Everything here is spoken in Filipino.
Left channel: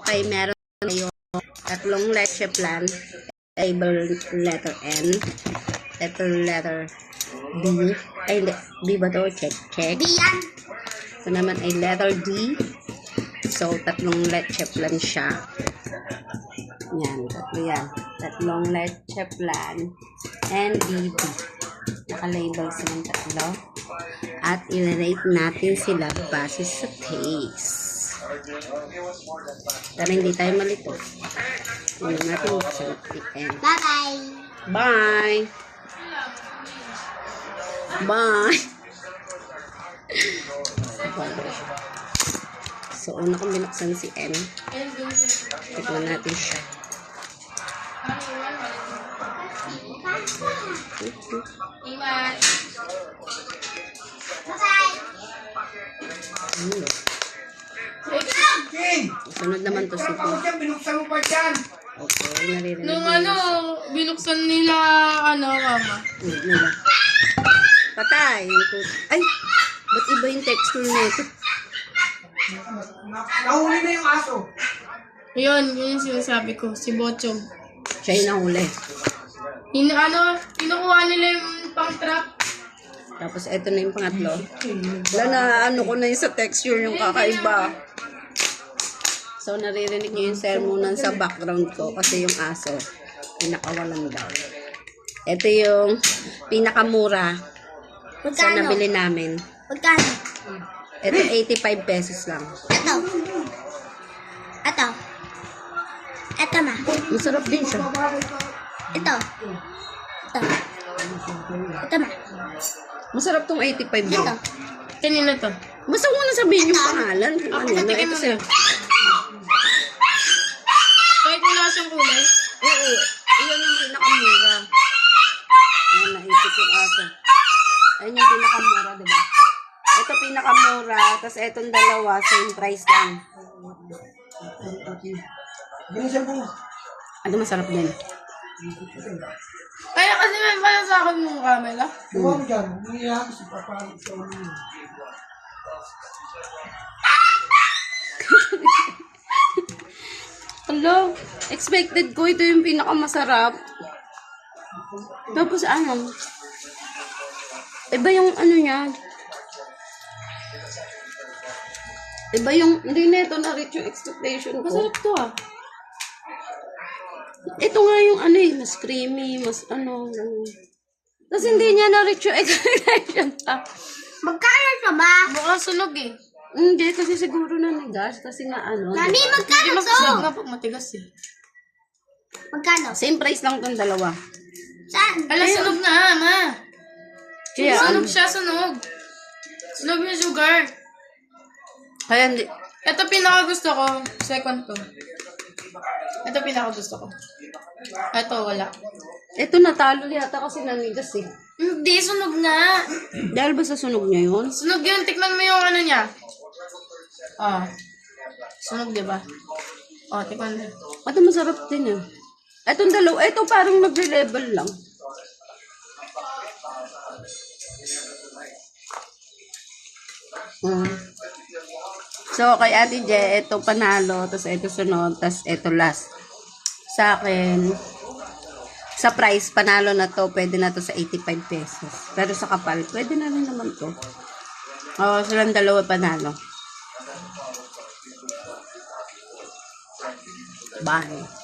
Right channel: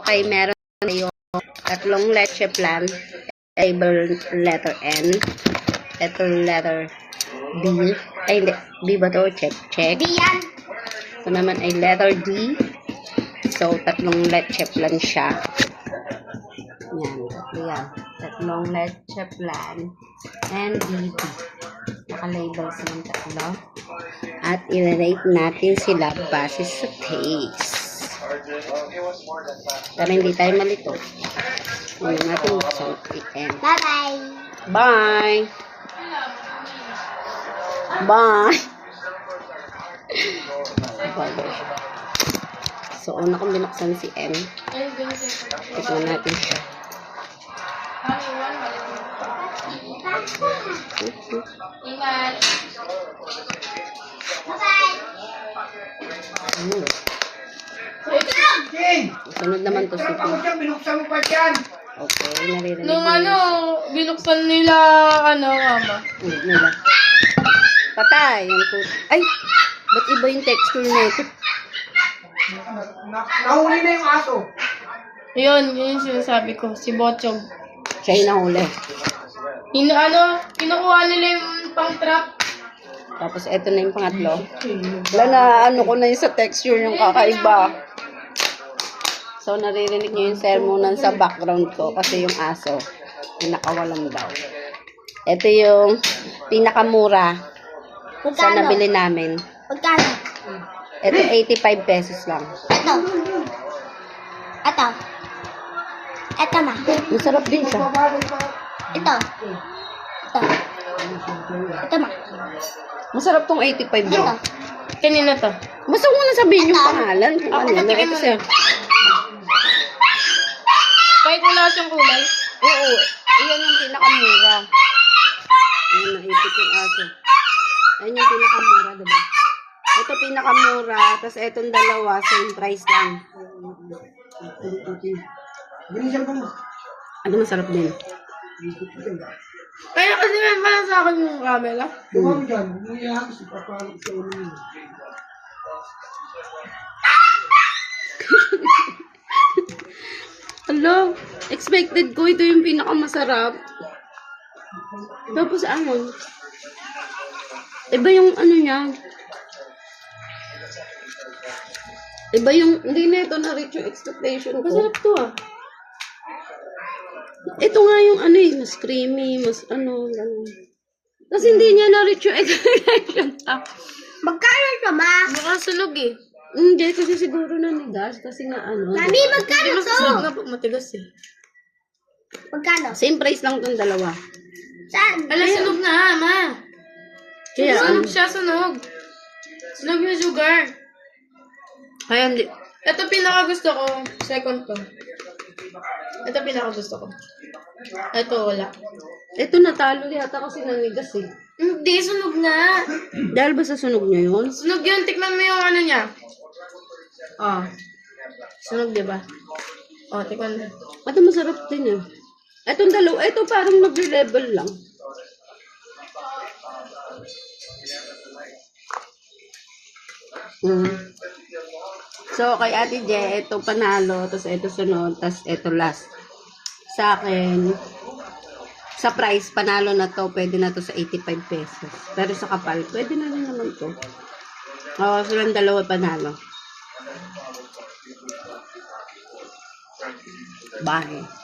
Okay, meron tayo tatlong leche plan. Label letter N. Ito letter B. Ay, hindi. B ba to? Check, check. D yan. Ito naman ay letter D. So, tatlong leche plan siya. Yan, tatlo yan. Tatlong leche plan. And BB. Naka-label silang tatlo. At i-rate natin sila base sa taste. Para hindi tayo malito. Huwag natin buksan i-end. Bye-bye. Bye! Bye! So, una kong binuksan si M. Tignan natin siya. Sunod naman to si Binuksan mo pa dyan. Okay, naririnig Nung binuksan nila, mama. nila. Patay. Yung ay! Ba't iba yung texture nito? Nahuli na yung aso. Yun yung sinasabi ko, si Bochong. Siya yung nahuli. Kinukuha nila yung pang-trap. Tapos, eto na yung pangatlo. Wala na, ko na yung sa texture yung kakaiba. So, naririnig nyo yung sermonan sa background ko kasi yung aso, pinakawalang daw. Ito yung pinakamura sa nabili namin. Magkano? Ito, 85 pesos lang. Ito. Ito. Ito ma. Masarap din siya. Ito. Ito. Ito ma. Masarap tong 85 din. Ito. Kanina to. Basta mo na sabihin yung pangalan kung ano. patikim Ito mo sir. Kahit wala siyang kulay. Oo. Iyan yung pinakamura. Ayan, naipit yung aso. Ayan yung pinakamura, diba? Ito pinakamura, tapos etong dalawa, same price lang. Bilisan ko na. Ano masarap din? Kaya kasi nga pala sa akin yung camera. Huwag dyan. Umiyak si papalit sa ulo niya. Hello, expected ko ito yung pinakamasarap. Tapos ano? Iba yung ano niya. Iba yung, hindi na ito na-reach yung expectation ko. Masarap to Ito nga yung ano mas creamy, mas gano'n. Tapos hindi niya na-reach yung expectation. Magkano ito ma? Baka sunog eh. Hindi, kasi siguro nanigas. Kasi nga Mami, magkano Hindi to? magsunog nga pag matigas eh. Magkano? same price lang itong dalawa. Saan? Ala, sunog na ma. Kaya, Sunog siya, sunog. Sunog yung sugar. kaya hindi, Ito pinaka-gusto ko. Second to. Ito pinaka-gusto ko. Ito wala. ito natalo yata kasi nanigas eh. Hindi, sunog nga. Dahil ba sa sunog niya yun? Sunog yun. Tikman mo yung ano niya. Sunog diba? Tikman mo. Ito masarap din eh. Itong dalawa, ito parang nag-level lang. So, kay Ate Je, ito panalo, tapos ito sunod, tapos ito last. Sa akin, sa price, panalo na to, pwede na to sa 85 pesos. Pero sa kapal, pwede na rin naman to. Silang dalawa panalo. Bye.